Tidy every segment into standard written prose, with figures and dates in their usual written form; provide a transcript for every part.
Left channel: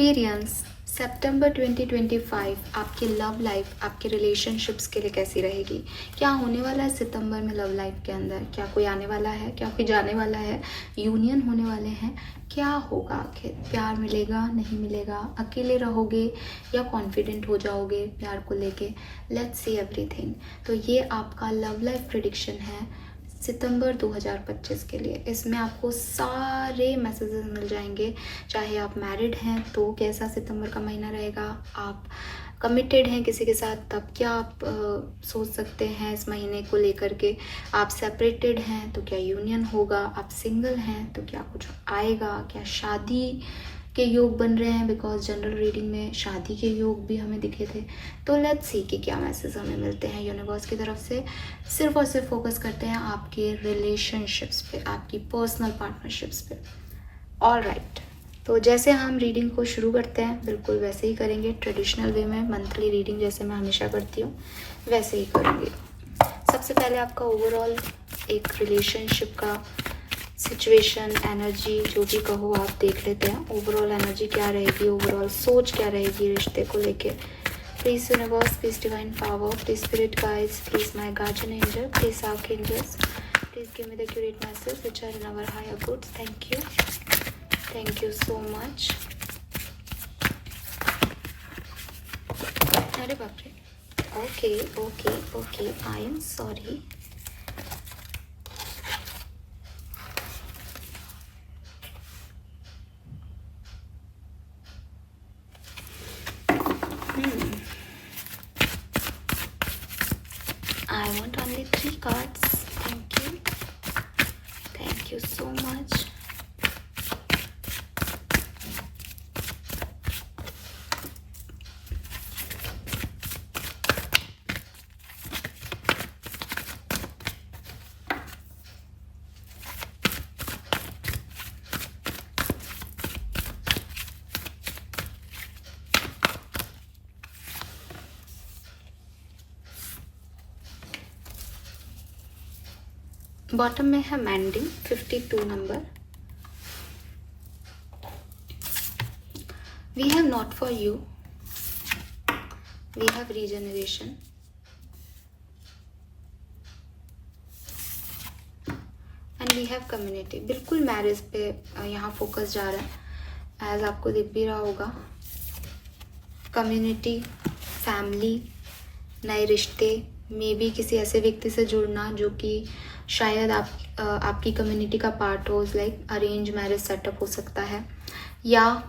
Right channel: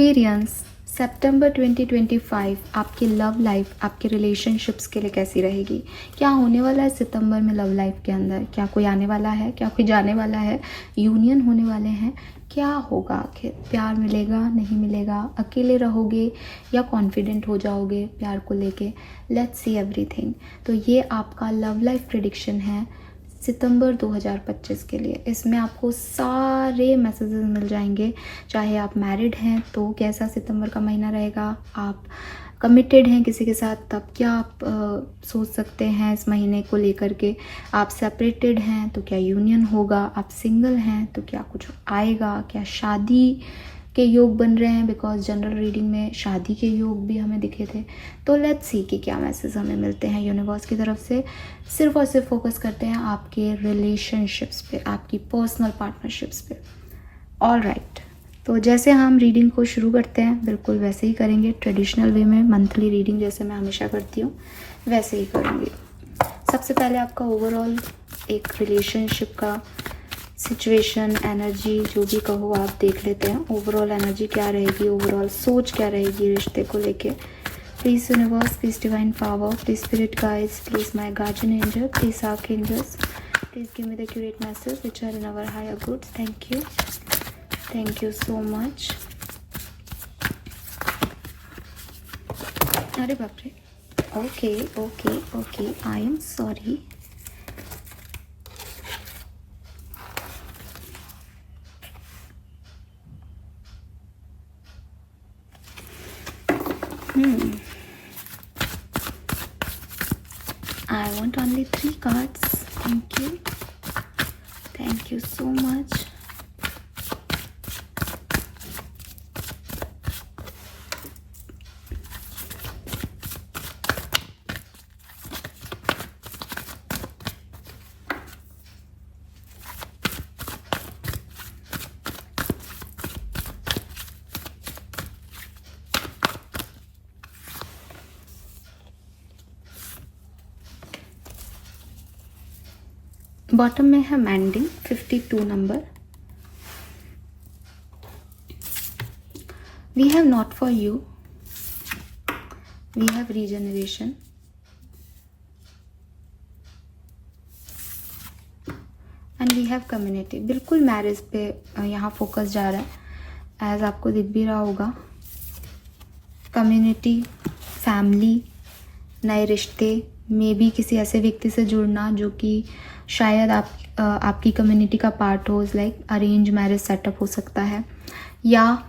Aquarians, सितंबर 2025 आपकी love life, आपके relationships के लिए कैसी रहेगी? क्या होने वाला है सितंबर में लव लाइफ के अंदर? क्या कोई आने वाला है? क्या कोई जाने वाला है? यूनियन होने वाले हैं? क्या होगा आखिर? प्यार मिलेगा, नहीं मिलेगा? अकेले रहोगे या कॉन्फिडेंट हो जाओगे प्यार को लेके? Let's see everything. तो ये आपका लव लाइफ प्रेडिक्शन है सितंबर 2025 के लिए। इसमें आपको सारे मैसेजेस मिल जाएंगे। चाहे आप मैरिड हैं तो कैसा सितंबर का महीना रहेगा, आप कमिटेड हैं किसी के साथ तब क्या आप सोच सकते हैं इस महीने को लेकर के, आप सेपरेटेड हैं तो क्या यूनियन होगा, आप सिंगल हैं तो क्या कुछ आएगा, क्या शादी के योग बन रहे हैं, बिकॉज जनरल रीडिंग में शादी के योग भी हमें दिखे थे। तो लेट्स सी कि क्या मैसेज हमें मिलते हैं यूनिवर्स की तरफ से। सिर्फ और सिर्फ फोकस करते हैं आपके रिलेशनशिप्स पे, आपकी पर्सनल पार्टनरशिप्स पे। ऑल राइट, तो जैसे हम रीडिंग को शुरू करते हैं बिल्कुल वैसे ही करेंगे, ट्रेडिशनल वे में मंथली रीडिंग जैसे मैं हमेशा करती हूँ वैसे ही करेंगे। सबसे पहले आपका ओवरऑल एक रिलेशनशिप का सिचुएशन, एनर्जी, जो भी कहो आप देख लेते हैं। ओवरऑल एनर्जी क्या रहेगी, ओवरऑल सोच क्या रहेगी रिश्ते को लेके। Please universe, please divine power, please spirit guides, please my guardian angel, please archangels, please give me the accurate message which are in our higher good. Thank you so much. अरे बाप रे, okay okay okay, I am sorry. I want only 3 cards. Thank you. Thank you so much. Bottom में है mending 52 number. We have not for you, we have regeneration, and we have community. बिल्कुल marriage पे यहाँ focus जा रहा है, as आपको दिख भी रहा होगा। कम्युनिटी, फैमिली, नए रिश्ते, मे बी किसी ऐसे व्यक्ति से जुड़ना जो कि शायद आपकी कम्युनिटी का पार्ट हो, लाइक अरेंज मैरिज सेटअप हो सकता है, या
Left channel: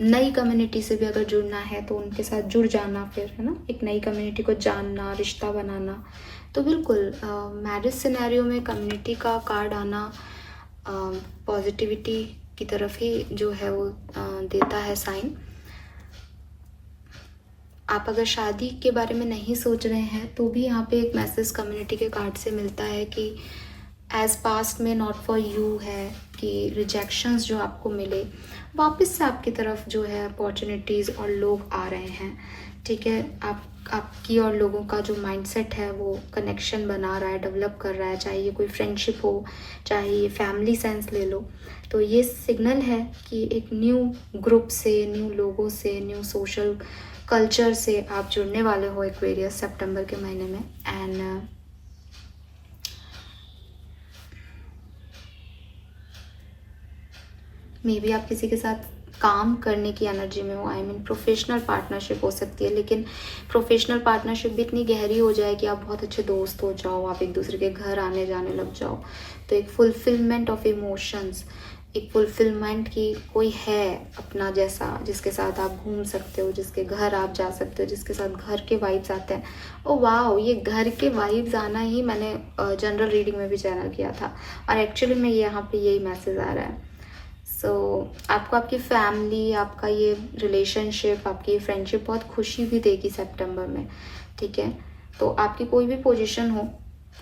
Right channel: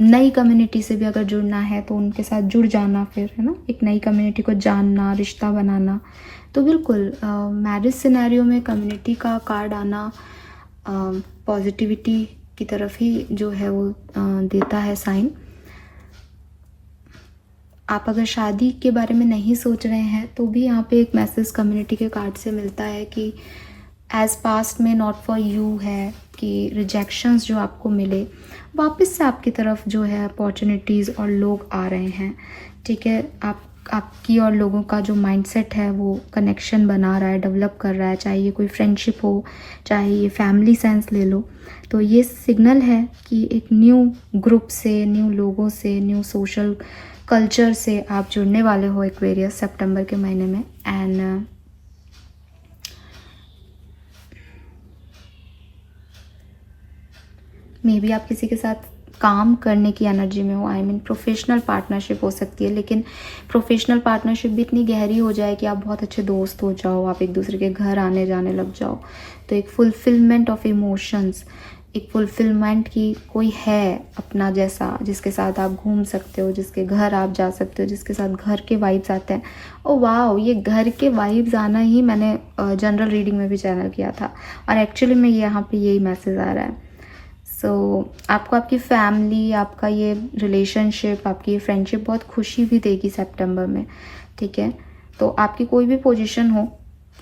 नई कम्युनिटी से भी अगर जुड़ना है तो उनके साथ जुड़ जाना, फिर है ना, एक नई कम्युनिटी को जानना, रिश्ता बनाना। तो बिल्कुल मैरिज सिनेरियो में कम्युनिटी का कार्ड आना पॉजिटिविटी की तरफ ही जो है वो देता है साइन। आप अगर शादी के बारे में नहीं सोच रहे हैं तो भी यहाँ पे एक मैसेज कम्युनिटी के कार्ड से मिलता है कि एज पास्ट में नॉट फॉर यू है, कि रिजेक्शंस जो आपको मिले वापस से आपकी तरफ जो है अपॉर्चुनिटीज़ और लोग आ रहे हैं। ठीक है, आपकी और लोगों का जो माइंडसेट है वो कनेक्शन बना रहा है, डेवलप कर रहा है, चाहे ये कोई फ्रेंडशिप हो, चाहे ये फैमिली सेंस ले लो। तो ये सिग्नल है कि एक न्यू ग्रुप से, न्यू लोगों से, न्यू सोशल कल्चर से आप जुड़ने वाले हो एक्वेरियस सितंबर के महीने में। एंड मे बी आप किसी के साथ काम करने की एनर्जी में हो, आई मीन प्रोफेशनल पार्टनरशिप हो सकती है, लेकिन प्रोफेशनल पार्टनरशिप भी इतनी गहरी हो जाए कि आप बहुत अच्छे दोस्त हो जाओ, आप एक दूसरे के घर आने जाने लग जाओ। तो एक फुलफिलमेंट ऑफ इमोशंस, एक फुलफिलमेंट की कोई है अपना जैसा, जिसके साथ आप घूम सकते हो, जिसके घर आप जा सकते हो, जिसके साथ घर के वाइब्स आते हैं। ओ वाह, ये घर के वाइब्स आना ही मैंने जनरल रीडिंग में भी चैनल किया था, और एक्चुअली में यहाँ पे यही मैसेज आ रहा है। सो आपको आपकी फैमिली, आपका ये रिलेशनशिप, आपकी ये फ्रेंडशिप बहुत खुशी भी देगी सितंबर में। ठीक है, तो आपकी कोई भी पोजीशन हो,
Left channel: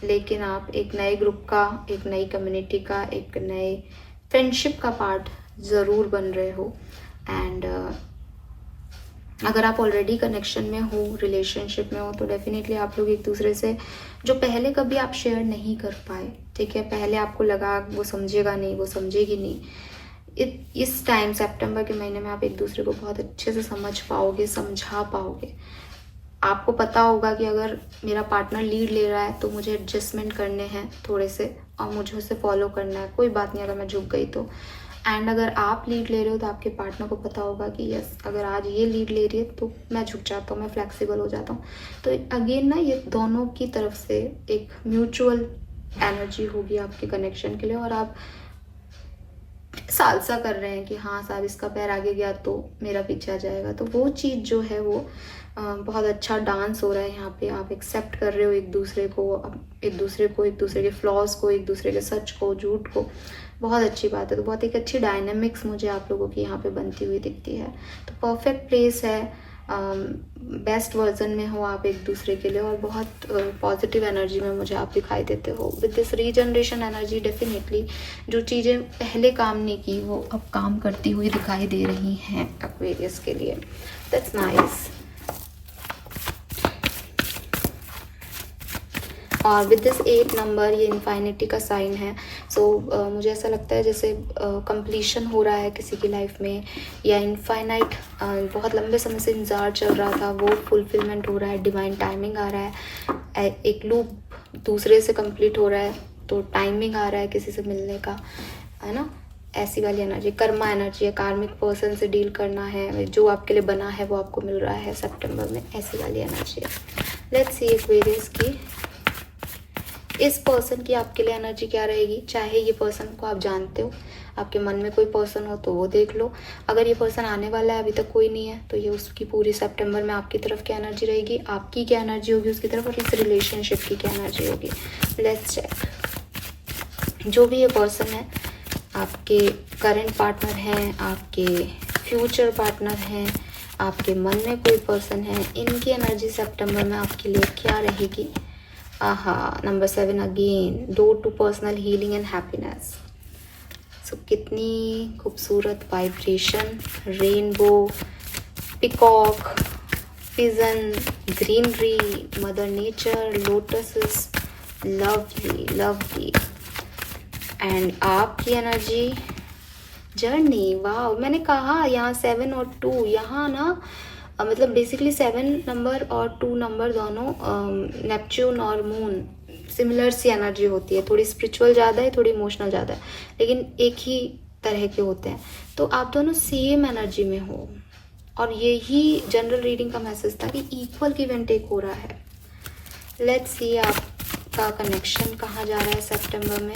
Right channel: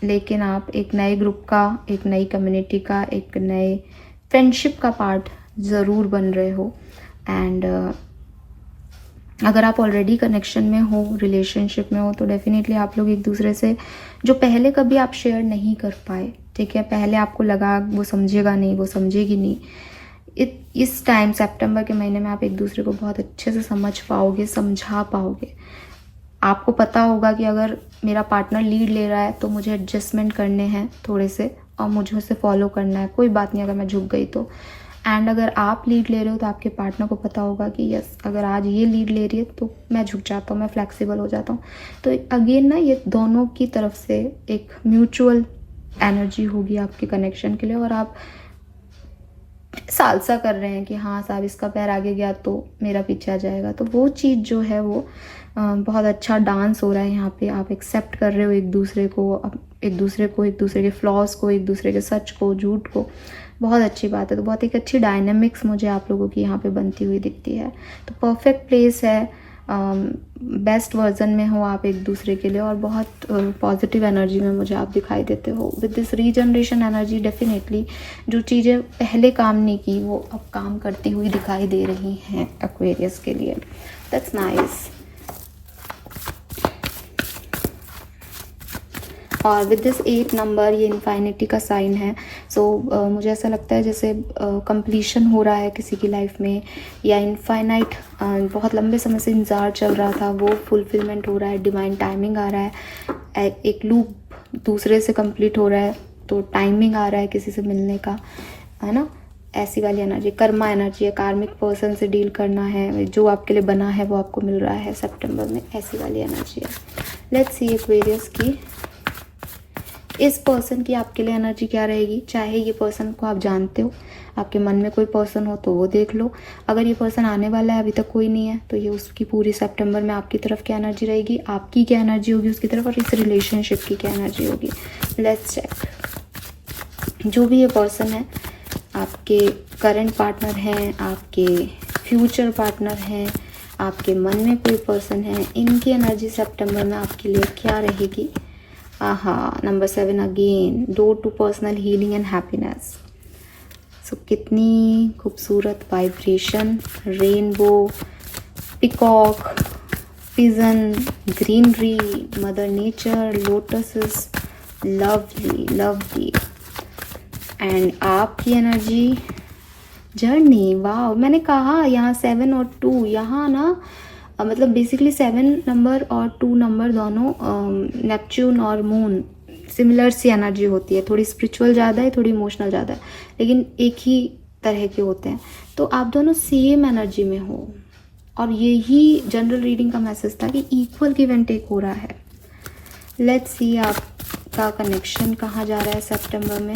लेकिन आप एक नए ग्रुप का, एक नई कम्युनिटी का, एक नए फ्रेंडशिप का पार्ट ज़रूर बन रहे हो। एंड अगर आप ऑलरेडी कनेक्शन में हो, रिलेशनशिप में हो, तो डेफिनेटली आप लोग एक दूसरे से जो पहले कभी आप शेयर नहीं कर पाए, ठीक है, पहले आपको लगा वो समझेगा नहीं, वो समझेगी नहीं, इस टाइम सितंबर के महीने में आप एक दूसरे को बहुत अच्छे से समझ पाओगे, समझा पाओगे। आपको पता होगा कि अगर मेरा पार्टनर लीड ले रहा है तो मुझे एडजस्टमेंट करने हैं थोड़े से, और मुझे उसे फॉलो करना है, कोई बात नहीं अगर मैं झुक गई तो। एंड अगर आप लीड ले रहे हो तो आपके पार्टनर को पता होगा कि यस, अगर आज ये लीड ले रही है तो मैं झुक जाता हूँ, मैं फ्लेक्सिबल हो जाता हूँ। तो अगेन ना, ये दोनों की तरफ से एक म्यूचुअल एनर्जी होगी आपके कनेक्शन के लिए, और आप सालसा कर रहे हैं कि हाँ साहब, इसका पैर आगे गया तो मेरा पीछे आ जाएगा। तो वो चीज़ जो है वो बहुत अच्छा डांस हो रहा है यहाँ पे। आप एक्सेप्ट कर रहे हो एक दूसरे को, एक दूसरे के फ्लॉज को, एक दूसरे के सच को, झूठ को। बहुत अच्छी बात है। तो बहुत एक अच्छी डायनेमिक्स मुझे आप लोगों की यहाँ पे बनती हुई दिखती है। तो परफेक्ट प्लेस है, बेस्ट वर्जन में हो आप एक दूसरे के लिए, और बहुत पॉजिटिव एनर्जी में मुझे आप दिखाई देते हो। With this regeneration energy definitely जो चीज़ें पहले काम नहीं की वो अब काम करती हुई दिखाई दे रही हैं एक्वेरियस के लिए। That's nice. और विद दिस 8 नंबर, ये इन्फाइनिटी का साइन है। सो मुझे ऐसा लगता है जैसे कंप्लीशन हो रहा है किसी की लाइफ में, या इनफाइनाइट बहुत लंबे समय से इंतज़ार चल रहा था वो फुलफिलमेंट हो रहा है, डिवाइन टाइमिंग आ रहा है, एक लूप दूसरे से कंप्लीट हो रहा है, तो टाइमिंग आ रहा है किसी से मिलने का, है ना। ऐसी वाली एनर्जी कर्मा एनर्जी है, कार्मिक पर्सन से डील करना है, जो आपके लिए बना है वो आपको मिल रहा है सितंबर में, ऐसी वाली एनर्जी है। लेट्स सी एक्वेरियस की इस पर्सन की आपके लिए एनर्जी क्या रहेगी। चाहे ये पर्सन को आप जानते हो, आपके मन में कोई पर्सन हो तो वो देख लो। अगर ये पर्सन आने वाला है, अभी तक कोई नहीं है, तो ये उसकी पूरी सितंबर में आपकी तरफ क्या एनर्जी रहेगी, आपकी क्या एनर्जी होगी उसकी तरफ, और इस रिलेशनशिप की क्या एनर्जी होगी। Let's check. जो भी ये पर्सन है, आपके करंट पार्टनर हैं, आपके फ्यूचर पार्टनर हैं, आपके मन में कोई पर्सन है, इनकी एनर्जी सितंबर में आपके लिए क्या रहेगी। Number 7 again, door to personal healing and happiness. So कितनी खूबसूरत vibration, rainbow, peacock, pigeon, greenery, mother nature, lotuses, lovely lovely. And आपकी एनर्जी जर्नी। वाह, मैंने कहा यहाँ 7 और 2, यहाँ ना मतलब बेसिकली 7 नंबर और 2 नंबर दोनों नेपच्यून और मून सिमिलर सी एनर्जी होती है, थोड़ी स्पिरिचुअल ज़्यादा है, थोड़ी इमोशनल ज़्यादा है, लेकिन एक ही तरह के होते हैं। तो आप दोनों सेम एनर्जी में हो, और यही जनरल रीडिंग का मैसेज था कि इक्वल गिव एंड टेक हो रहा है। लेट्स सी आपका कनेक्शन कहाँ जा रहा है सितंबर में।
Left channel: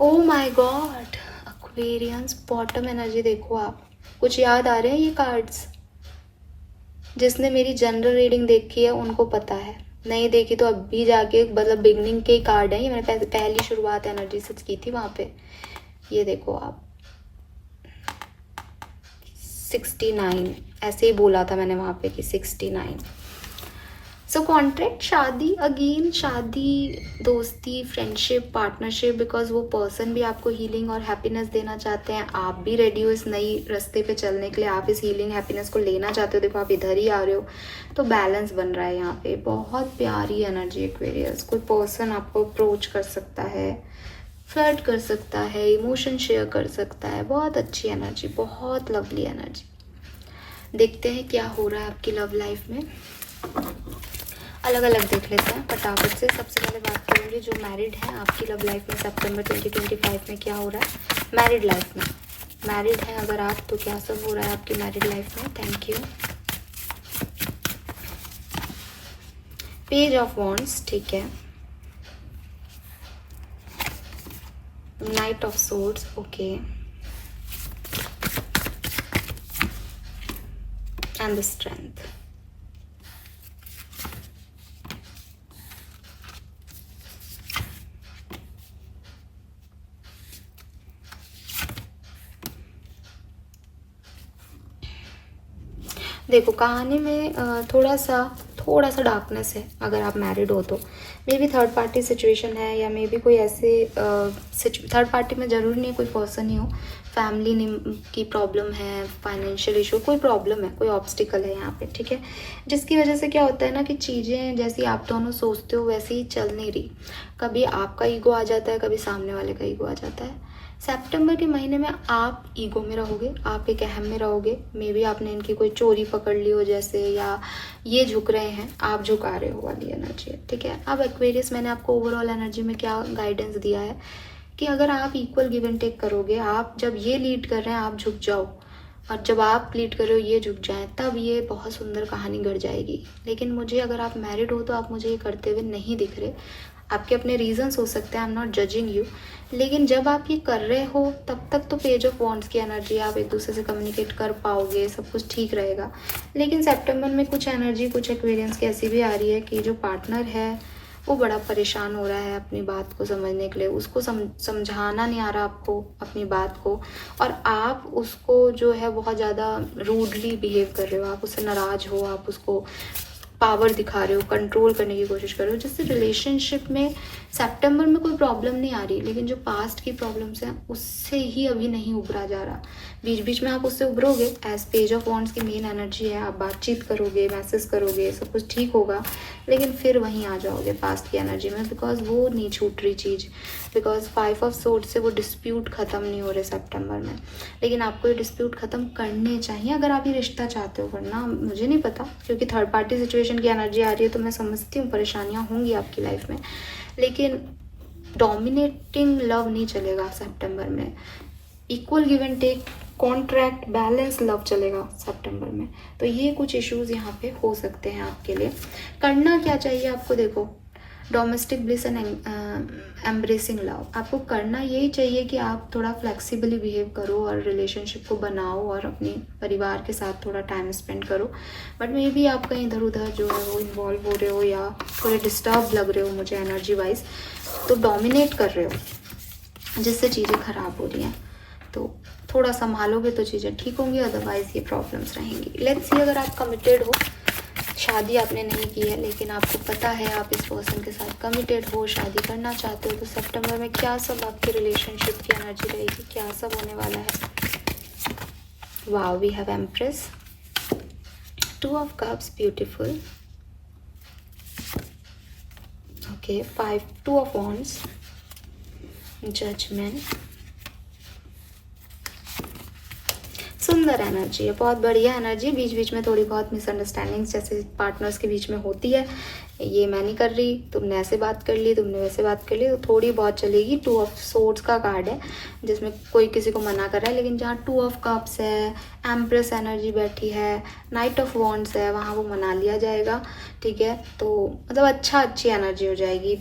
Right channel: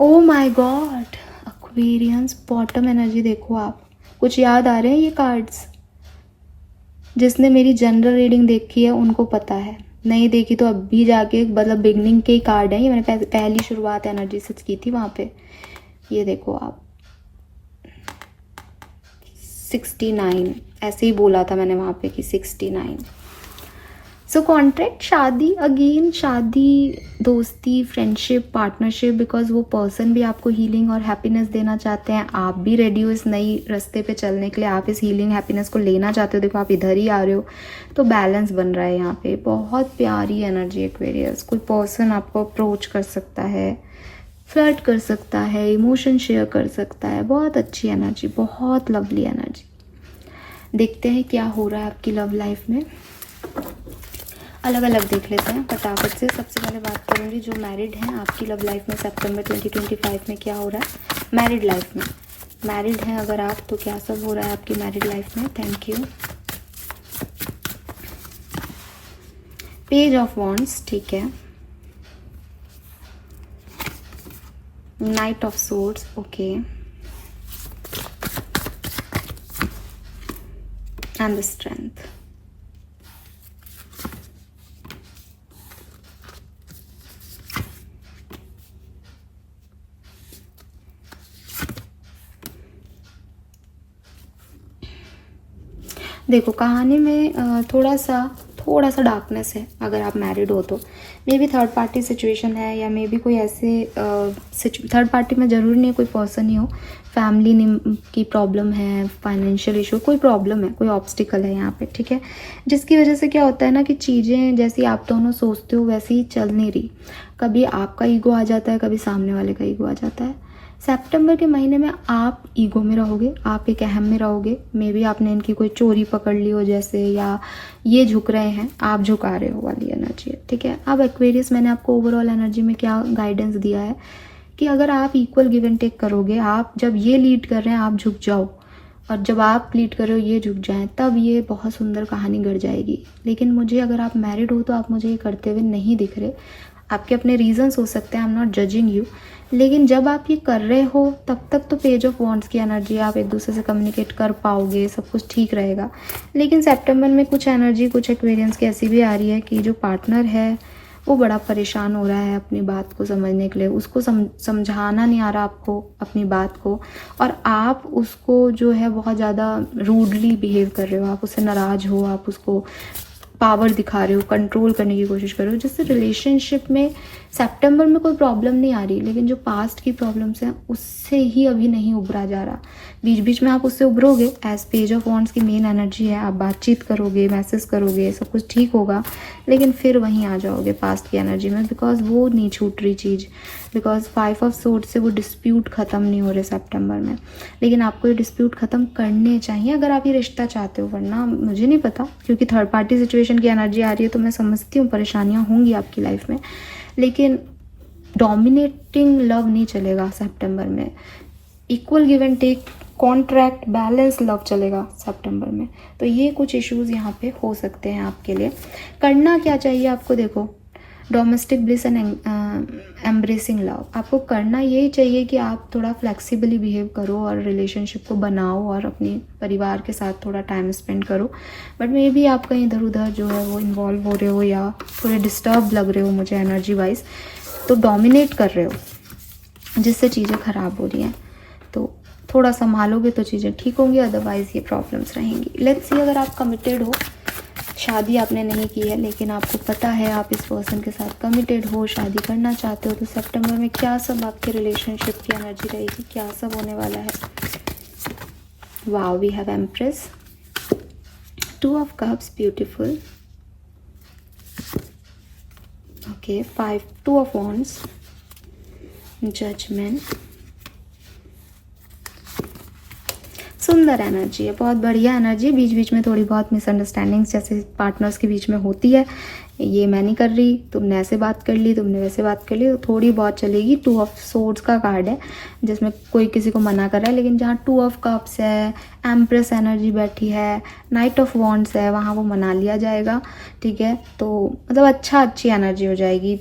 Oh my God, Aquarians bottom energy देखो आप। कुछ याद आ रहे हैं ये कार्ड्स? जिसने मेरी जनरल रीडिंग देखी है उनको पता है, नहीं देखी तो अब भी जाके, मतलब बिगनिंग के ही कार्ड है ये, मैंने पहली शुरुआत एनर्जी से की थी वहाँ पे। ये देखो आप, 69 ऐसे ही बोला था मैंने वहाँ पे कि 69। सो कॉन्ट्रैक्ट, शादी, अगेन शादी, दोस्ती, फ्रेंडशिप, पार्टनरशिप, बिकॉज वो पर्सन भी आपको हीलिंग और हैप्पीनेस देना चाहते हैं, आप भी रेडी हो इस नई रास्ते पे चलने के लिए, आप इस हीलिंग हैप्पीनेस को लेना चाहते हो। देखो आप इधर ही आ रहे हो, तो बैलेंस बन रहा है यहाँ पे। बहुत प्यारी एनर्जी एक्वेरियस। कोई पर्सन आपको अप्रोच कर सकता है, फ्लर्ट कर सकता है, इमोशन शेयर कर सकता है। बहुत अच्छी एनर्जी, बहुत लवली एनर्जी। देखते हैं क्या हो रहा है आपकी लव लाइफ में। अलग अलग देख लेते हैं फटाफट से। सबसे पहले बात करूंगी जो मैरिड हैं, आपकी लव लाइफ में सितंबर 2025 में क्या हो रहा है। मैरिड लाइफ में, मैरिड हैं अगर आप, तो क्या सब हो रहा है आपकी मैरिड लाइफ में। Thank you. Page of wands, ठीक है। Night of swords, okay. And the strength. देखो कहानी में थोड़ा सा डार्कनेस है अगर आप मैरिड हो तो, may be third party situation है, या मे बी कोई ऐसे थर्ड पार्टी में ज़रूरी नहीं कोई पर्सन ही हो, फैमिली की प्रॉब्लम है, फाइनेंशियल इशू, कोई प्रॉब्लम है, कोई ऑब्स्टिकल है यहाँ पे, ठीक है, जिसकी वजह से क्या होता है ना कि चीज़ें जैसी आप दोनों सोचते हो वैसी ही चल नहीं रही। कभी आपका ईगो आ जाता है, कभी सामने वाले का ईगो आ जाता है। सितंबर के महीने में आप ईगो में रहोगे, आप एक अहम में रहोगे। मे बी आपने इनकी कोई चोरी पकड़ ली हो जैसे, या ये झुक रहे हैं, आप झुका रहे हो वाली एनर्जी, ठीक है। अब एक्वेरियस, मैंने आपको ओवरऑल एनर्जी में क्या गाइडेंस दिया है कि अगर आप इक्वल गिव एंड टेक करोगे, आप जब ये लीड कर रहे हैं आप झुक जाओ, और जब आप लीड कर रहे हो ये झुक जाएं, तब ये बहुत सुंदर कहानी गढ़ जाएगी। लेकिन मुझे, अगर आप मैरिड हो तो आप मुझे ये करते हुए नहीं दिख रहे। आपके अपने रीजंस हो सकते हैं, I am not judging you, लेकिन जब आप ये कर रहे हो तब तक तो पेज ऑफ वॉन्ड्स की एनर्जी, आप एक दूसरे से कम्युनिकेट कर पाओगे, सब कुछ ठीक रहेगा। लेकिन सितंबर में कुछ एनर्जी, कुछ एक्वेरियंस की ऐसी भी आ रही है कि जो पार्टनर है वो बड़ा परेशान हो रहा है अपनी बात को समझने के लिए, उसको समझाना नहीं आ रहा आपको अपनी बात को, और आप उसको जो है बहुत ज़्यादा रूडली बिहेव कर रहे हो, आप उससे नाराज़ हो, आप उसको पावर दिखा रहे हो, कंट्रोल करने की कोशिश कर रहे हो, जिससे रिलेशनशिप में सितंबर में कोई प्रॉब्लम नहीं आ रही, लेकिन जो पास्ट की प्रॉब्लम्स हैं उससे ही अभी नहीं उभरा जा रहा। बीच बीच में आप उससे उभरोगे, एज पेज ऑफ वॉन्ड्स की मेन एनर्जी है, आप बातचीत करोगे, मैसेज करोगे, सब कुछ ठीक होगा, लेकिन फिर वहीं आ जाओगे पास्ट की एनर्जी में, बिकॉज वो नहीं छूट रही चीज़, बिकॉज 5 ऑफ सोर्ड्स से वो डिस्प्यूट ख़त्म नहीं हो रहे सितंबर में। लेकिन आपको ये डिस्प्यूट ख़त्म करने चाहिए अगर आप ये रिश्ता चाहते हो, वरना मुझे नहीं पता, क्योंकि थर्ड पार्टी सिचुएशन की एनर्जी आ रही है तो मैं समझती हूँ परेशानियाँ होंगी आपकी लाइफ में, लेकिन डोमिनेटिंग लव नहीं चलेगा सितंबर में। Equal give and take, contract, balance love चलेगा सितंबर में। तो ये कुछ इश्यूज यहाँ पे हो सकते हैं आपके लिए। करना क्या चाहिए आपको, देखो, domestic bliss and embracing love, आपको करना यही चाहिए कि आप थोड़ा फ्लेक्सिबली बिहेव करो और रिलेशनशिप को बनाओ और अपने परिवार के साथ थोड़ा टाइम स्पेंड करो। बट मे बी आप कहीं इधर उधर जो है वो इन्वॉल्व हो रहे हो, या थोड़े डिस्टर्ब लग रहे हो मुझे एनर्जी वाइज, तो डोमिनेट कर रहे हो जिससे चीज़ें ख़राब हो रही हैं। तो थोड़ा संभालोगे तो चीज़ें ठीक होंगी, अदरवाइज़ ये प्रॉब्लम्स रहेंगी। लेट्स सी, अगर आप कमिटेड हो, शादी आपने नहीं की है लेकिन आपको पता है आप इस पर्सन के साथ कमिटेड हो, शादी करना चाहते हो, तो सितंबर में क्या सब आपके रिलेशनशिप की एनर्जी रहेगी, क्या सब होने वाला है। Wow, we have empress, 2 of cups, beautiful, okay, 2 of wands, judgement, सुंदर एनर्जी है, बहुत बढ़िया एनर्जी। बीच बीच में थोड़ी बहुत मिसअंडरस्टैंडिंग्स जैसे पार्टनर्स के बीच में होती है, ये मैं नहीं कर रही, तुमने ऐसे बात कर ली, तुमने वैसे बात कर ली, तो थोड़ी बहुत चलेगी। 2 ऑफ सोर्ड्स का कार्ड है जिसमें कोई किसी को मना कर रहा है, लेकिन जहाँ 2 ऑफ कप्स है, एम्प्रेस एनर्जी बैठी है, नाइट ऑफ वॉन्ड्स है, वहाँ वो मना लिया जाएगा, ठीक है। तो मतलब अच्छी एनर्जी हो जाएगी।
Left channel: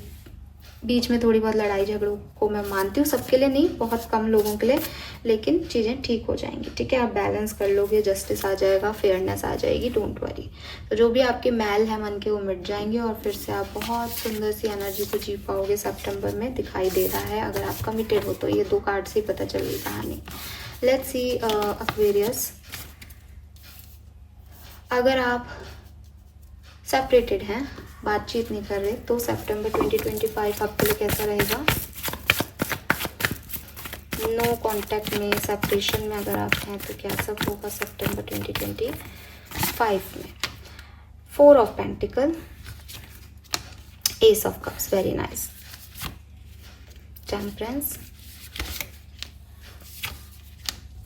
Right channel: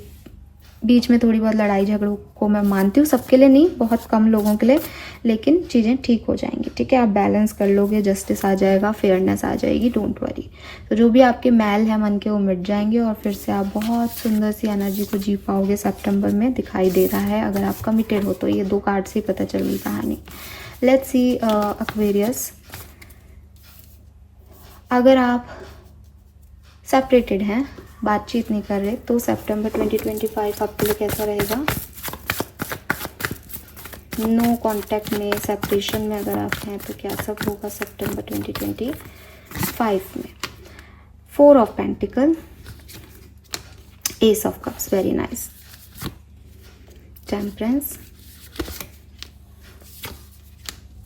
बीच में थोड़ी बहुत लड़ाई झगड़ों को मैं मानती हूँ, सबके लिए नहीं, बहुत कम लोगों के लिए, लेकिन चीज़ें ठीक हो जाएंगी, ठीक है। आप बैलेंस कर लोगे, जस्टिस आ जाएगा, फेयरनेस आ जाएगी, डोंट वरी। तो जो भी आपके मैल है मन के वो मिट जाएंगे और फिर से आप बहुत सुंदर सी एनर्जी को जी पाओगे सितंबर में, दिखाई दे रहा है। अगर आप कमिटेड हो तो ये 2 कार्ड से पता चल रही कहानी। लेट्स सी एक्वेरियस, अगर आप सेपरेटेड हैं, बातचीत नहीं कर रहे, तो सितंबर 2025 आपके लिए कैसा रहेगा। नो कांटेक्ट में, सेपरेशन में अगर आप हैं तो क्या सब होगा सितंबर 2025 में। 4 of pentacle, S of cups, very nice, temperance,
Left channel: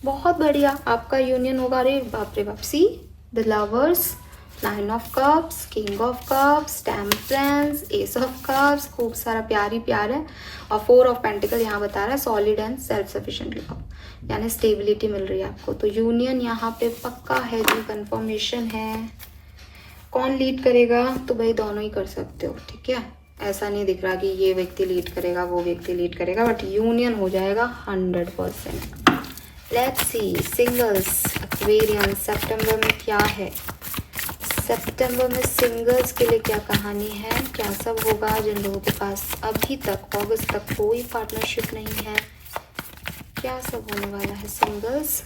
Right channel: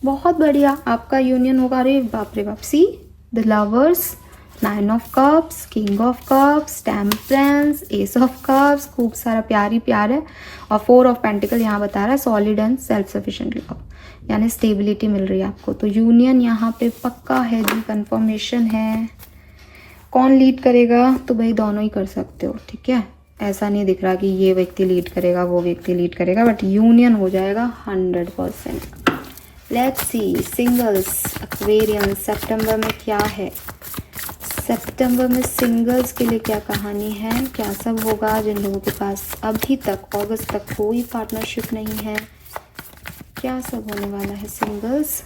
बहुत बढ़िया, आपका यूनियन होगा। अरे बाप रे बाप, see the lovers, 9 of cups, king of cups, temperance, S of cups, खूब सारा प्यार ही प्यार है। और 4 ऑफ पेंटिकल यहाँ बता रहा है solid and self sufficient love, यानी स्टेबिलिटी मिल रही है आपको। तो यूनियन यहाँ पे पक्का है जी, कंफर्मेशन है। कौन लीड करेगा, तो भाई दोनों ही कर सकते हो, ठीक है। ऐसा नहीं दिख रहा कि ये व्यक्ति लीड करेगा, वो व्यक्ति लीड करेगा, बट यूनियन हो जाएगा 100%। लेट्स सी, सिंगल्स, एक्वेरियन, सितंबर में क्या है। सितंबर में सिंगल्स के लिए क्या कहानी है, क्या सब होगा। जिन लोगों के पास अभी तक अगस्त तक कोई पार्टनरशिप नहीं है, क्या सब होने वाला है singles.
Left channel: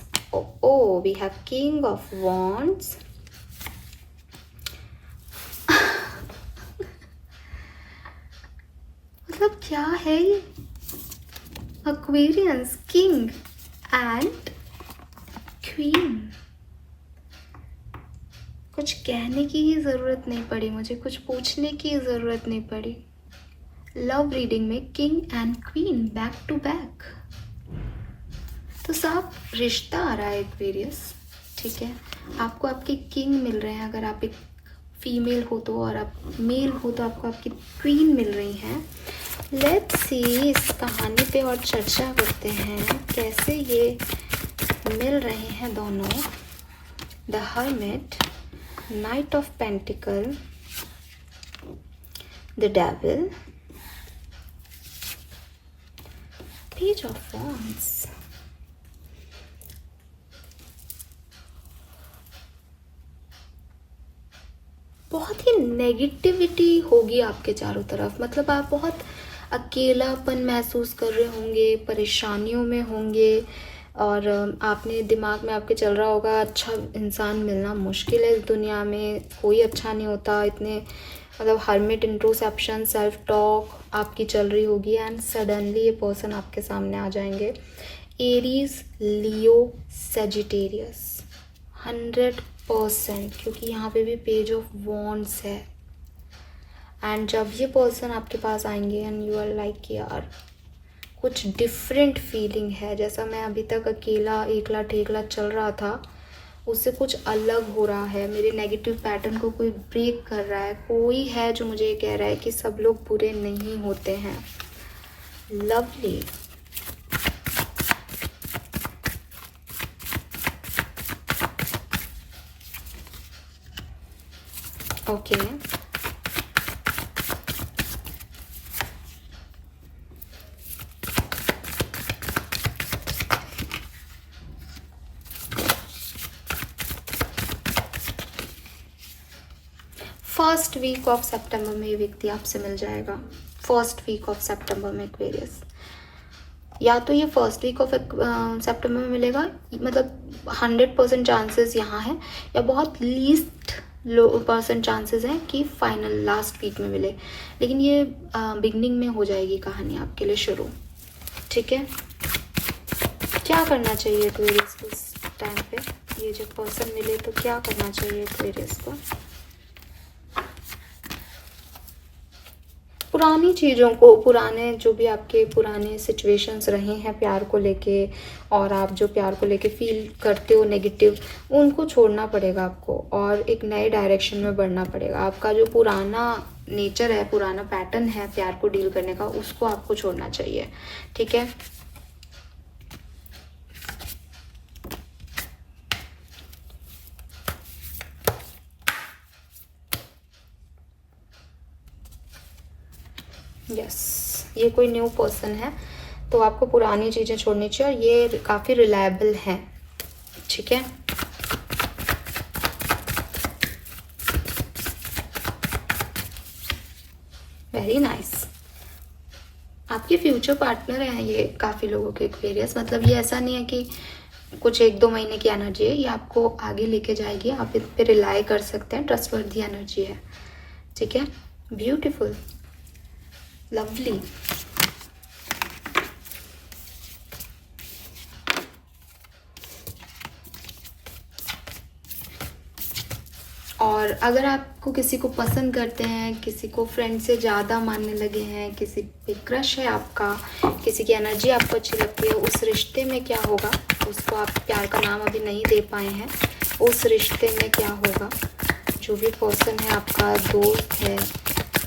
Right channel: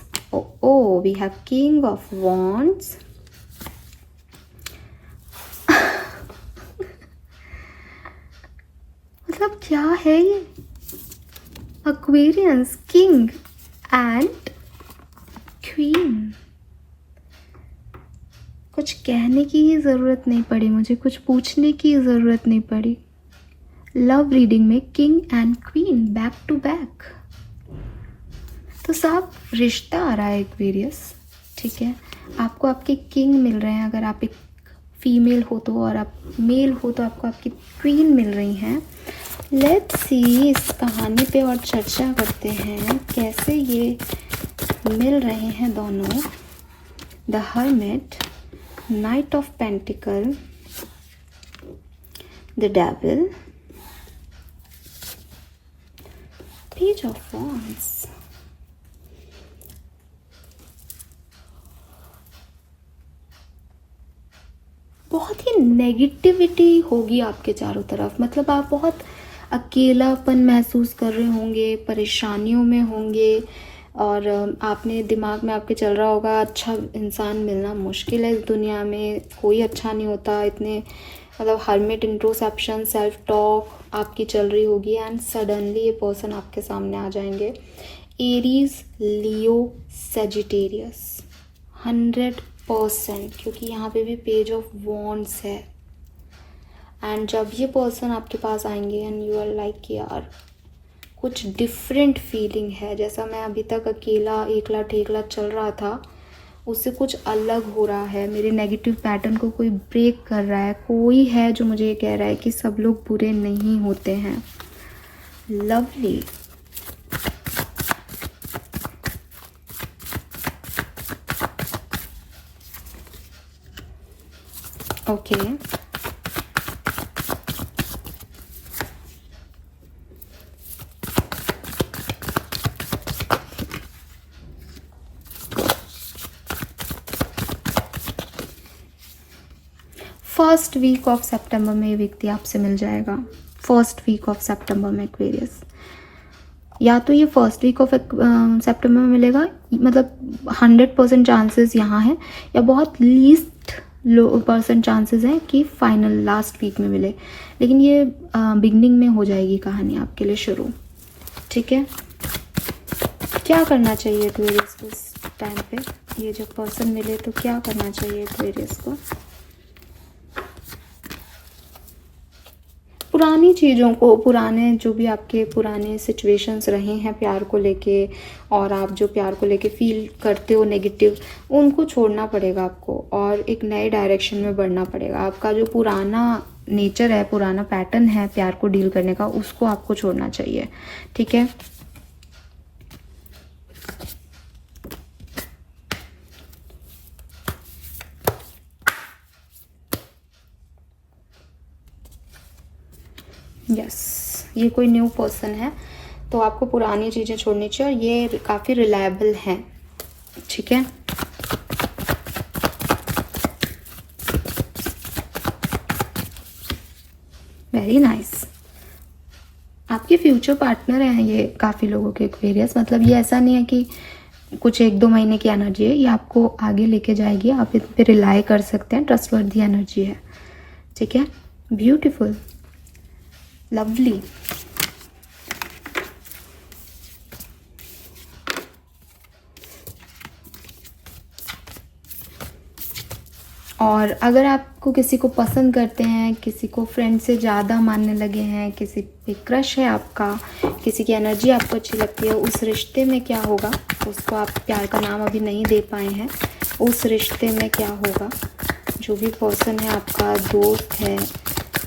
Oh we have king of wands, मतलब क्या है ये? Aquarians, king and queen. कुछ कहने की ही ज़रूरत नहीं पड़ी मुझे, कुछ पूछने की ज़रूरत नहीं पड़ी। लव रीडिंग में king and queen back to back. तो साहब रिश्ता आ रहा है एक्वेरियस, ठीक है। आपको आपके किंग मिल रहे हैं, अगर आप एक फीमेल हो तो, और आप मेल हो तो आपको आपकी क्वीन मिल रही हैं। लेट्स सी इस कहानी पे और चर्चा करते हैं कैसे ये मिल रहे हैं दोनों। The hermit, night of pentacle, the devil, page of wands. बहुत ही नेगेटिविटी होगी आपके चारों तरफ, मतलब आप बहुत अकेलापन महसूस कर रहे होंगे, परेशानियों में होंगे, और आपने दिमाग में आपके चल रहा होगा अच्छा इंसान मिलना मुश्किल है इस दुनिया में, कोई अच्छा नहीं होता, इतने मतलब हर्मिट, इंट्रोस्पेक्शन, सेल्फ टॉक आपकी चल रही होगी। एंड सडनली ये पर्सन आपके सामने आ जाएंगे। एरीज, लियो, सेजिटेरियस, 100%, क्योंकि यहाँ पे भी पेज ऑफ वॉन्ड्स है। एंड जब ये पर्सन आपके पास आएंगे एंड यू आर लाइक यार कुछ डिफरेंट फीलिंग है, जैसा मैं अभी तक अकेला एकला ठेकला चल रहा था उससे कुछ अलग हो रहा है, मेरे नेगेटिव पैटर्न को कोई ब्रेक कर रहा है, कोई है जो मुझे ये कह रहा है कि सब लोग बुरे नहीं होते हैं। Lovely. Okay, first week of सितंबर में ये व्यक्ति आपसे मिल जाएगा। फर्स्ट वीक ऑफ सितंबर में एक्वेरियस, या तो ये फर्स्ट वीक ऑफ सितंबर में मिलेगा, मतलब 100% चांसेस यहाँ है, या बहुत लीस्ट % चांसेस हैं कि फाइनल लास्ट वीक में मिले, लेकिन ये बिगनिंग में हो जाएगी कहानी आपके लिए शुरू, ठीक है। क्या करना चाहिए एक्वेरियस को इस टाइम पे, ये जब पर्सन मिले तो क्या करना चाहिए एक्वेरियस को? पुरानी चीज़ों को, पुराने जो भी आपके पुराने सिचुएशंस रहे हैं प्यार को लेके, और आप जो प्यार को लेके फील करते हो नेगेटिव, उनको छोड़ना पड़ेगा आपको और एक नए डायरेक्शन में बढ़ना पड़ेगा। आपका जो पुराना नेचर है, पुराना पैटर्न है प्यार को डील करने का, उसको आपको छोड़ना चाहिए, ठीक है। यस, ये कोई न्यू पर्सन है तो आपको पुरानी चीज़ें छोड़नी चाहिए, और ये काफ़ी रिलायबल हैं, ठीक है। Very nice. आपके फ्यूचर पार्टनर हैं ये काफ़ी लोगों के एक्वेरियस, मतलब ये ऐसा नहीं है कि कुछ 1-2 महीने की एनर्जी है, ये आपको आगे लेके जाएगी, आप इस पे रिलाई कर सकते हैं, ट्रस्टवर्दी एनर्जी है, ठीक है। Beautiful, lovely. और अगर आपको किसी को पसंद करते हैं, किसी को फ्रेंड से ज़्यादा मानने लगे हैं, किसी पे क्रश है आपका, किसी की एनर्जी आपको अच्छी लगती है, उस रिश्ते में क्या होगा, उसको आप प्यार का नाम अभी नहीं दे पाए हैं, उस रिश्ते में क्या होगा? जो भी पर्सन है आपका दोस्त है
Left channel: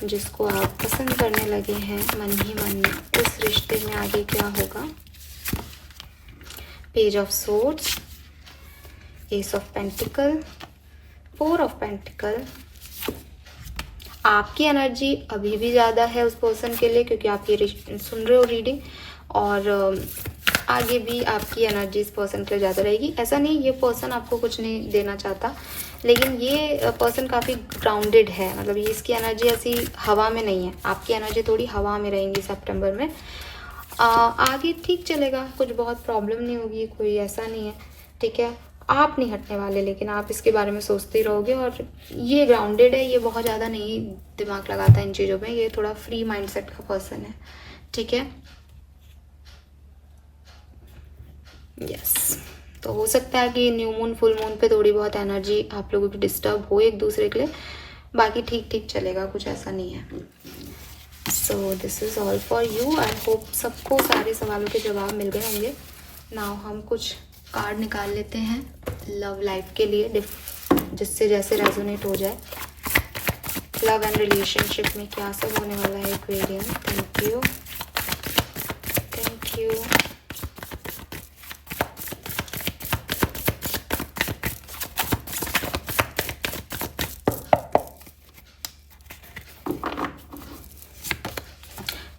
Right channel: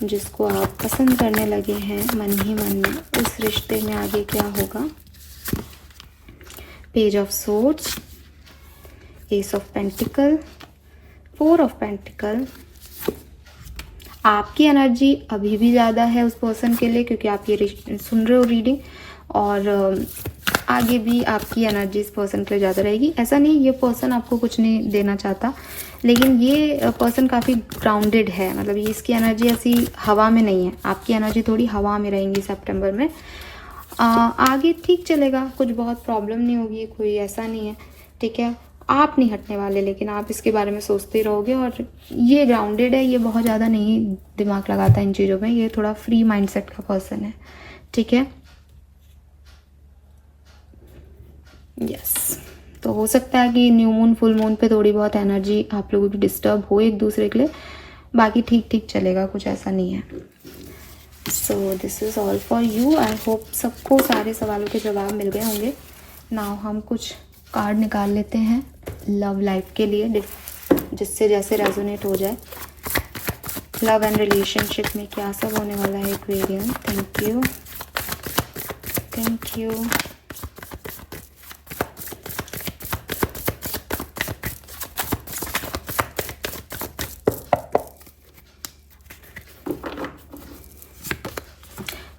जिसको आप पसंद करने लगे हैं मन ही मन में, उस रिश्ते में आगे क्या होगा? Page of swords, S of pentacle, 4 of pentacle. आपकी एनर्जी अभी भी ज़्यादा है उस पर्सन के लिए, क्योंकि आप ये सुन रहे हो रीडिंग, और आगे भी आपकी एनर्जी इस पर्सन के लिए ज़्यादा रहेगी। ऐसा नहीं ये पर्सन आपको कुछ नहीं देना चाहता, लेकिन ये पर्सन काफ़ी ग्राउंडेड है, मतलब ये इसकी एनर्जी ऐसी हवा में नहीं है, आपकी एनर्जी थोड़ी हवा में रहेंगी सितंबर में। आगे ठीक चलेगा, कुछ बहुत प्रॉब्लम नहीं होगी, कोई ऐसा नहीं है, ठीक है। आप नहीं हटने वाले, लेकिन आप इसके बारे में सोचते रहोगे। और ये ग्राउंडेड है, ये बहुत ज़्यादा नहीं दिमाग लगाता इन चीज़ों में, ये थोड़ा फ्री माइंडसेट का पर्सन है, ठीक है। यस, तो हो सकता है कि न्यू मून फुल मून पे थोड़ी बहुत एनर्जी आप लोगों की डिस्टर्ब हो एक दूसरे के लिए, बाकी ठीक ठीक चलेगा, कुछ ऐसा नहीं है। So this is all for you. I hope सबको सारे सवालों के जवाब मिल गए होंगे। नाउ हम कुछ कार्ड निकाल लेते हैं लव लाइफ के लिए, जिससे जैसे रेजोनेट हो जाए। लव एंड रिलेशनशिप में क्या सब होने वाला है Aquarian. Thank you, thank you.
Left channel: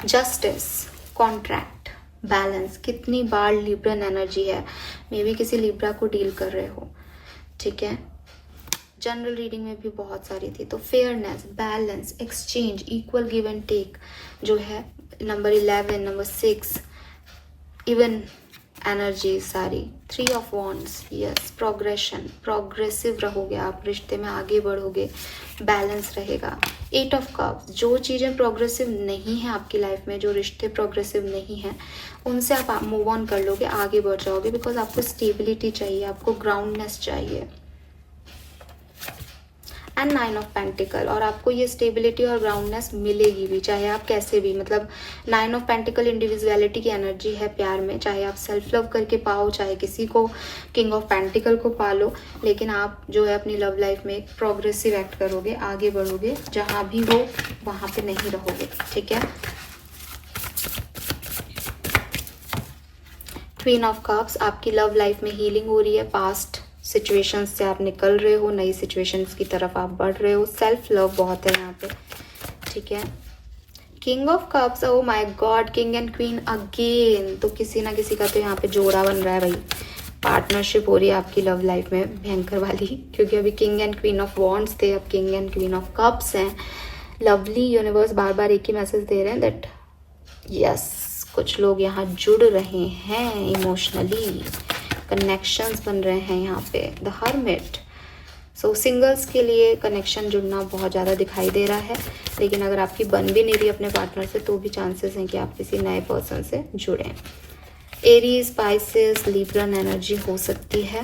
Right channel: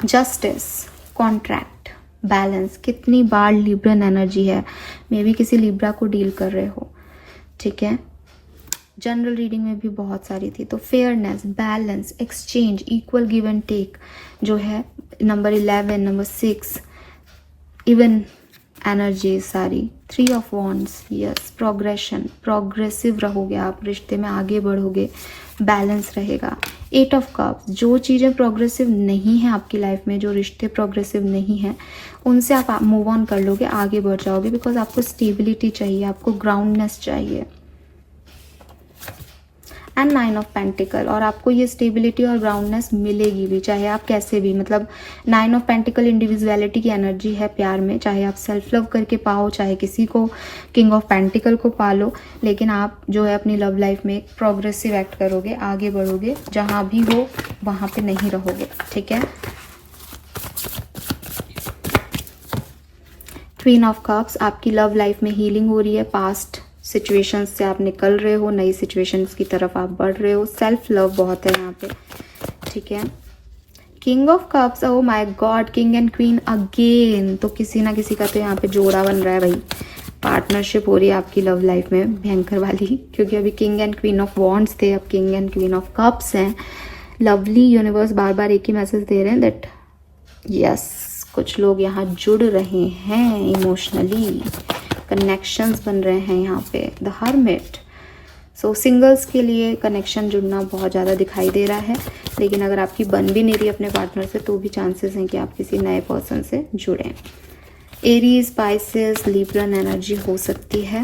Justice, contract, balance. कितनी बार लिब्रन एनर्जी है, मे भी किसी लिब्रा को डील कर रहे हो, ठीक है। जनरल रीडिंग में भी बहुत सारी थी। तो fairness, balance, exchange, equal give and take जो है नंबर 11, नंबर 6, इवन एनर्जी सारी। 3 of wands, yes, progression, progressive रहोगे आप, रिश्ते में आगे बढ़ोगे, बैलेंस रहेगा। 8 ऑफ कप्स, जो चीज़ें प्रोग्रेसिव नहीं है आपकी लाइफ में, जो रिश्ते प्रोग्रेसिव नहीं है, उनसे आप मूव ऑन कर लोगे, आगे बढ़ जाओगे, बिकॉज आपको स्टेबिलिटी चाहिए, आपको ग्राउंडनेस चाहिए। एंड 9 ऑफ पेंटिकल, और आपको ये स्टेबिलिटी और ग्राउंडनेस मिलेगी भी, चाहे आप कैसे भी, मतलब 9 ऑफ पेंटिकल इंडिविजुअलिटी की एनर्जी है प्यार में, चाहे आप सेल्फ लव करके पाओ, चाहे किसी को किंग ऑफ पेंटिकल को पालो, लेकिन आप जो है अपनी लव लाइफ में एक प्रोग्रेसिव एक्ट करोगे, आगे बढ़ोगे, जहाँ भी हो वहाँ पे नहीं रहोगे, ठीक है। क्वीन ऑफ कप्स, आपकी लव लाइफ में हीलिंग हो रही है, पास्ट सिचुएशंस से आप निकल रहे हो, नई सिचुएशंस की तरफ आप बढ़ रहे हो, सेल्फ लव बहुत है यहाँ पे, ठीक है। King of cups, oh my God, king and queen again, तो किसी ना किसी का तो यहाँ पे जोड़ा बन रहा है भाई, पार्टनरशिप हो रही है आपकी लव लाइफ में भयंकर वाली, क्योंकि अभी king and queen of wands थे, अब king and queen of cups हैं। लवली यूनिवर्स बार बार एक ही मैसेज दे रहे हैं दैट यस, कुछ लोग यहाँ जुड़ रहे हैं इमोशनली, कनेक्शंस बन रहे हैं यहाँ पे। द हर्मिट, सो सिंगल्स के लिए कनेक्शन जुड़ना बहुत ज़्यादा दिखाई दे रहा है, लेकिन अगर आपकी बन भी नहीं रही अपने पार्टनर से, तो भी चांसेस हैं कि आप किसी नए पर्सन से जुड़ें। एरीज, स्पाइसेस, लिब्रन एनर्जी हो सकती है।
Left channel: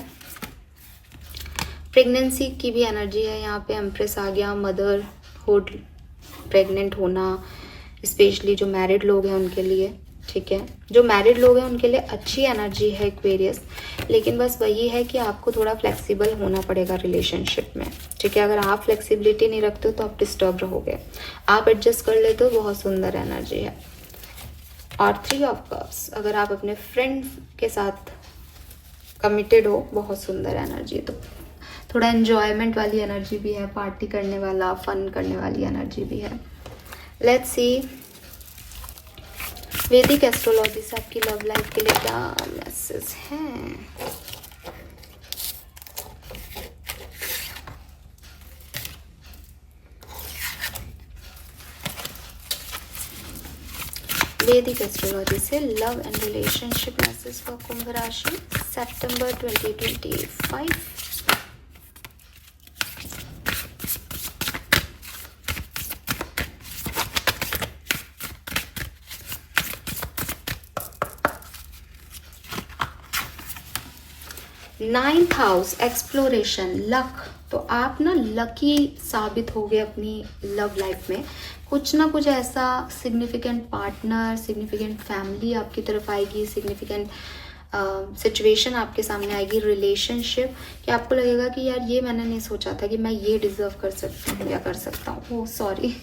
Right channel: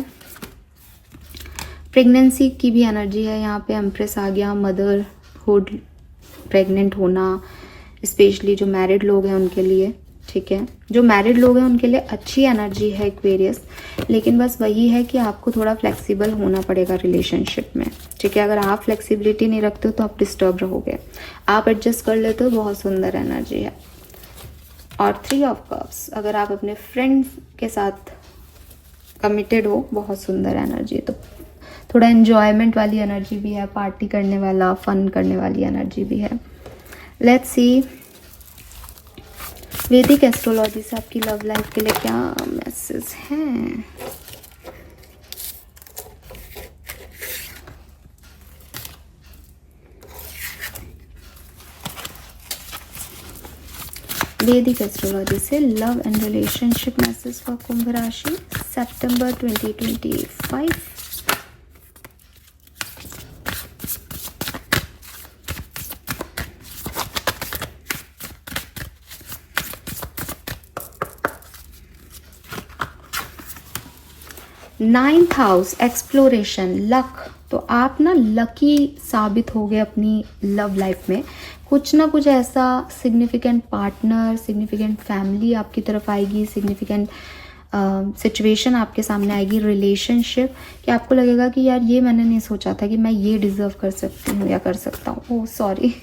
प्रेगनेंसी की भी एनर्जी है यहाँ पे, एम्प्रेस आ गया, मदरहुड, प्रेग्नेंट होना, स्पेशली जो मैरिड लोग हैं उनके लिए, ठीक है। जो मैरिड लोग हैं उनके लिए अच्छी एनर्जी है एक्वेरियस, लेकिन बस वही है कि आपको थोड़ा फ्लेक्सिबल होना पड़ेगा रिलेशनशिप में, ठीक है। अगर आप फ्लेक्सिबिलिटी नहीं रखते हो तो आप डिस्टर्ब रहोगे, आप एडजस्ट कर लेते हो, बहुत सुंदर एनर्जी है। और 3 ऑफ कप्स, अगर आप अपने फ्रेंड्स के साथ कमिटेड हो, बहुत सुंदर एनर्जी, तो थोड़ा एन्जॉयमेंट वाली एनर्जी भी है, पार्टी करने वाला, फन करने वाली एनर्जी भी है। लेट्स सी वैदिक एस्ट्रोलॉजी से आपकी लव लाइफ के लिए क्या मैसेज हैं। वैदिक एस्ट्रोलॉजी से love and relationship message for Kumbh राशि सितंबर 2025। नाइन्थ हाउस, एक्सप्लोरेशन, लक, तो आप ना लकी साबित हो गए अपनी लव लाइफ में, कुछ ना कुछ ऐसा सिग्निफिकेंट पार्टनर, सिग्निफिकेंट फैमिली आपकी तरफ आएगी, सिग्निफिकेंट सिचुएशन आपके सामने आएगी, रिलेशनशिप, कि आपको लगेगा कि यार ये मैंने नहीं सोचा था कि मैं ये डिजर्व कर सकती हूँ या कर सकता हूँ, ओह सॉरी।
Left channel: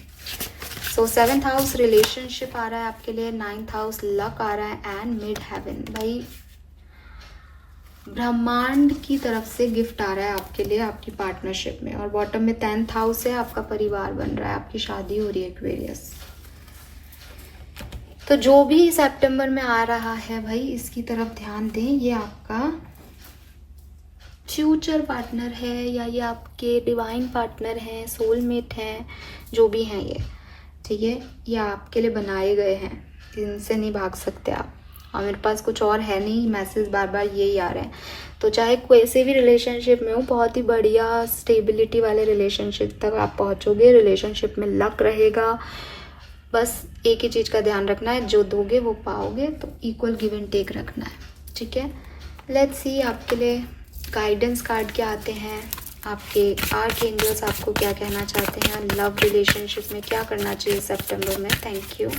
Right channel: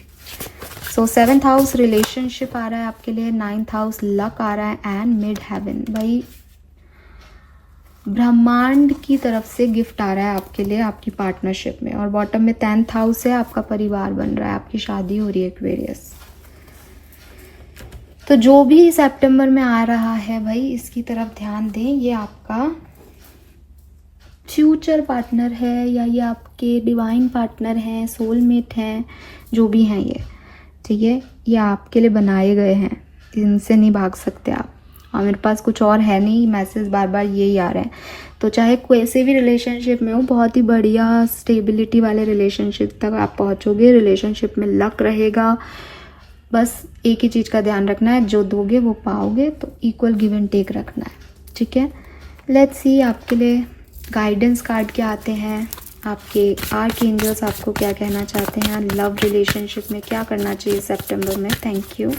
सो 7th हाउस रिलेशनशिप आ रहा है आपके लिए, 9th हाउस लक आ रहा है, एंड मिड हेवन, भाई ब्रह्मांड की तरफ से गिफ्ट आ रहा है आपके लिए आपकी पार्टनरशिप में। और बॉटम में 10th हाउस है, आपका परिवार बन रहा है, आपकी शादी हो रही है एक्वेरियस। तो जो भी सितंबर में आ रहा है भाई, इसकी तरफ ध्यान दें, ये आपका फ्यूचर पार्टनर है या ये आपके डिवाइन पार्टनर हैं, सोलमेट हैं, जो भी हैं ये, ठीक है, ये आपके लिए बनाए गए हैं, इनसे नहीं भाग सकते आप, मेरे पास कुछ और है नहीं, मैसेज बार बार यही आ रहे हैं। तो चाहे कोई भी रिलेशनशिप में हो, बहुत ही बढ़िया स्टेबिलिटी वाले रिलेशनशिप तक आप पहुंचोगे, रिलेशनशिप में लक रहेगा। बस एक ही चीज़ का ध्यान रखना है, जो दोगे वो पाओगे, तो इक्वल गिव एंड टेक रखना है, ठीक है। लेट्स सी आपके लिए गाइडेंस कार्ड क्या आते हैं, आपके आर्क एंजल्स आपको क्या कहना चाहते हैं, लव रिलेशनशिप में क्या करना चाहिए सितंबर में। Thank you.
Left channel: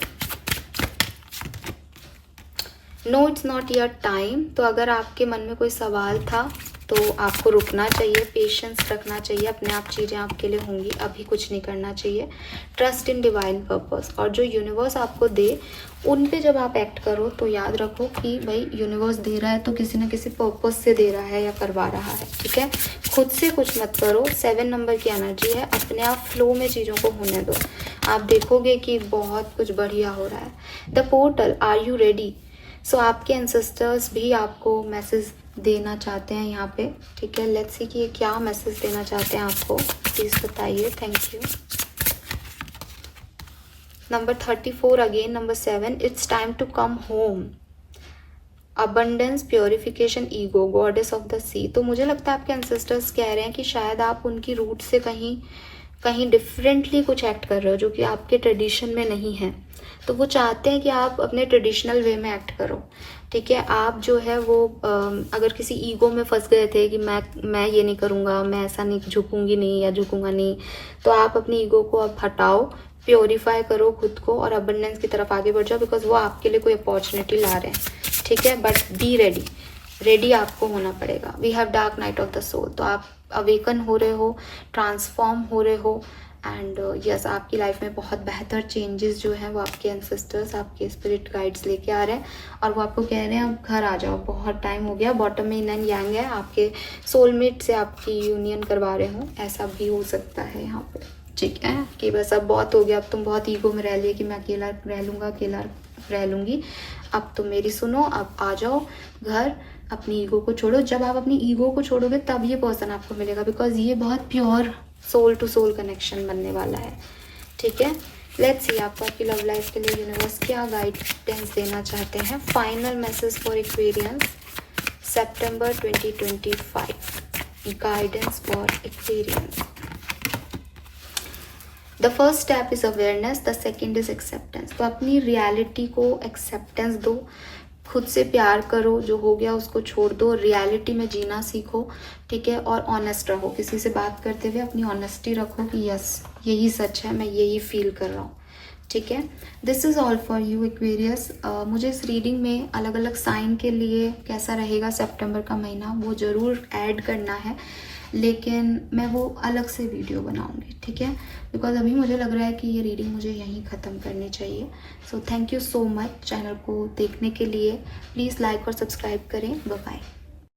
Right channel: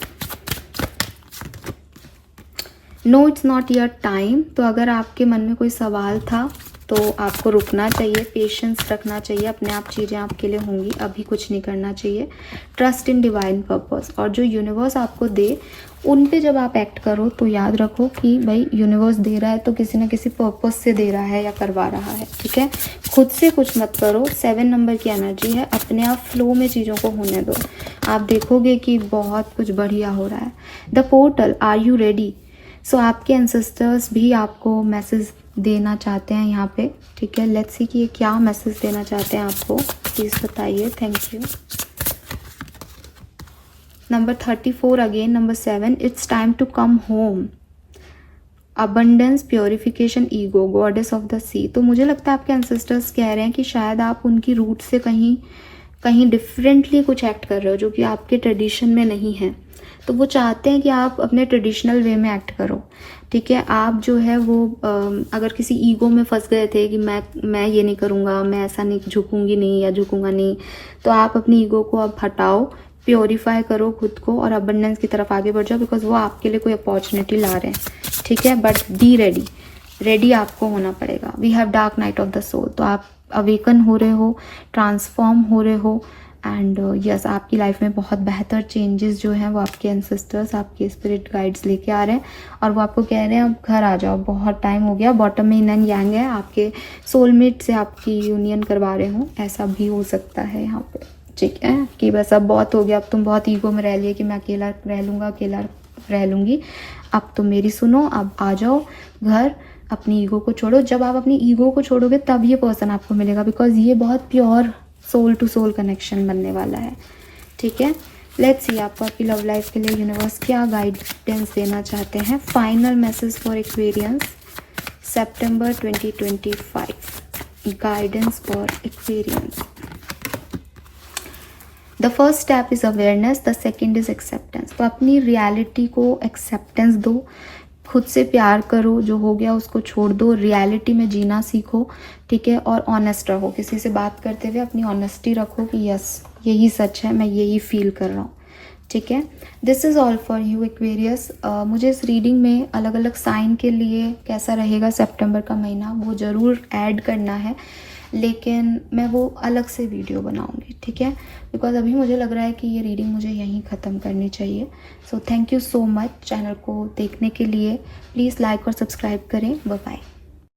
No it's not your time. तो अगर आपके मन में कोई सवाल था तो आपको रुकना चाहिए, पेशेंस रखना चाहिए, अपने आप चीज़ें आपके लिए होंगी, अभी कुछ नहीं करना चाहिए। ट्रस्ट इन डिवाइन पर्पस, और जो यूनिवर्स आपको दे उन पे जब आप एक्ट करो तो याद रखो कि भाई यूनिवर्स दे रहा है तो किसी ना किसी पर्पस से दे रहा है या करवा रहा है, ठीक है। खुद से कुछ मत करो। 7 नंबर की एनर्जी है, अपने आप फ्लो में चीज़ों को होने दो, आप देखोगे कि बहुत कुछ बढ़िया हो रहा है। The portal, are you ready. So आपके एंसेस्टर्स भी आपको मैसेज देना चाहते हैं यहाँ पे, ठीक है। लेट्स सी कि ये क्या मैसेज देना चाहते हैं आपको, प्लीज़ बताइए। Thank you. Number 34 again, number 7, it's time to come home. Abundance, purification, ego, goddess of the sea. तो मुझे लगता है आपके एंसेस्टर्स कह रहे हैं कि शायद आप उनकी रूट से कहीं डिफरेंटली कुछ एक्ट कर रहे हो जो कि आपके ट्रेडिशन में नहीं है। तो वो चाहते हैं कि आप अपने ट्रेडिशनल वे में एक्ट करो, ठीक है। आप जो है वो अगर किसी ईगो में फंस गए थे कि मैं ये नहीं करूँगा, मैं ऐसा नहीं, झुकूंगी नहीं या झुकूंगा नहीं, तो आप अपनी ईगो को अब हटाओ, प्योरीफाई करो खुद को और अबंडेंस की तरफ आगे बढ़ जाओ, बिकॉज वो आपके लिए कोई अपॉर्चुनिटी ला रहे हैं, ठीक है। बट बी रेडी आपको होना पड़ेगा। We have dark night of the soul. तो आप अवेकन हो रहे हो, ट्रांसफॉर्म हो रहे हो, एंड यस आपकी लाइफ में बहुत बेहतर चेंजेस जो हैं वो आपके एंसेस्टर्स, आपके स्पिरिट गाइड्स लेके आ रहे हैं, और वो आपको कह रहे हैं अब घर आ जाओ, बहुत टाइम हो गया। बॉटम में इन एंड यांग है, आपके सोलमेट से आपकी यूनियन करवा रहे हो, ऐसा भी हो सकता है यहाँ पे, ठीक है। कि बस अब बहुत हो गया, अब तुम बहुत ईगो में रह लिए कि मैं अकेला रह लूँगा, अकेला रह लूँगी, अब तुम मेरी सुनो, अब आ जाओ घर, अपनी ईगो को छोड़ो। जब आप अपनी ईगो को छोड़ोगे तब ये पर्सन आपको मिलेगा, बिकॉज ये बहुत pure soul to soul connection बनने वाला है, ठीक है। लेट्स सी आपको आपकी लव लाइफ के लिए यूनिवर्स क्या गाइडेंस देना चाहते हैं। Final message for Aquarians September 2025, guidance for Aquarians. The first step is awareness, the second is acceptance. तो अपनी रियलिटी को एक्सेप्टेंस दो, खुद से प्यार करो, जो हो गया उसको छोड़ दो, रियलिटी में जीना सीखो, ठीक है। और ऑनेस्ट रहो, किसी से बात करते हुए अपनी ऑनेस्टी रखो कि यस यही सच है, मैं यही फील कर रहा हूँ, ठीक है। This is all for you Aquarius. मुझे इस रीडिंग में अलग अलग साइन के लिए कैसा रहेगा सितंबर का महीना वो ज़रूर ऐड करना है, लेकिन मैं वो अलग से वीडियो बनाऊंगी, ठीक है। बिकॉज अभी मुझे लग रहा है कि ये रीडिंग मुझे यहीं ख़त्म करनी चाहिए। So thank you so much channel को देखने के लिए। प्लीज़ लाइक और सब्सक्राइब करें। Bye bye.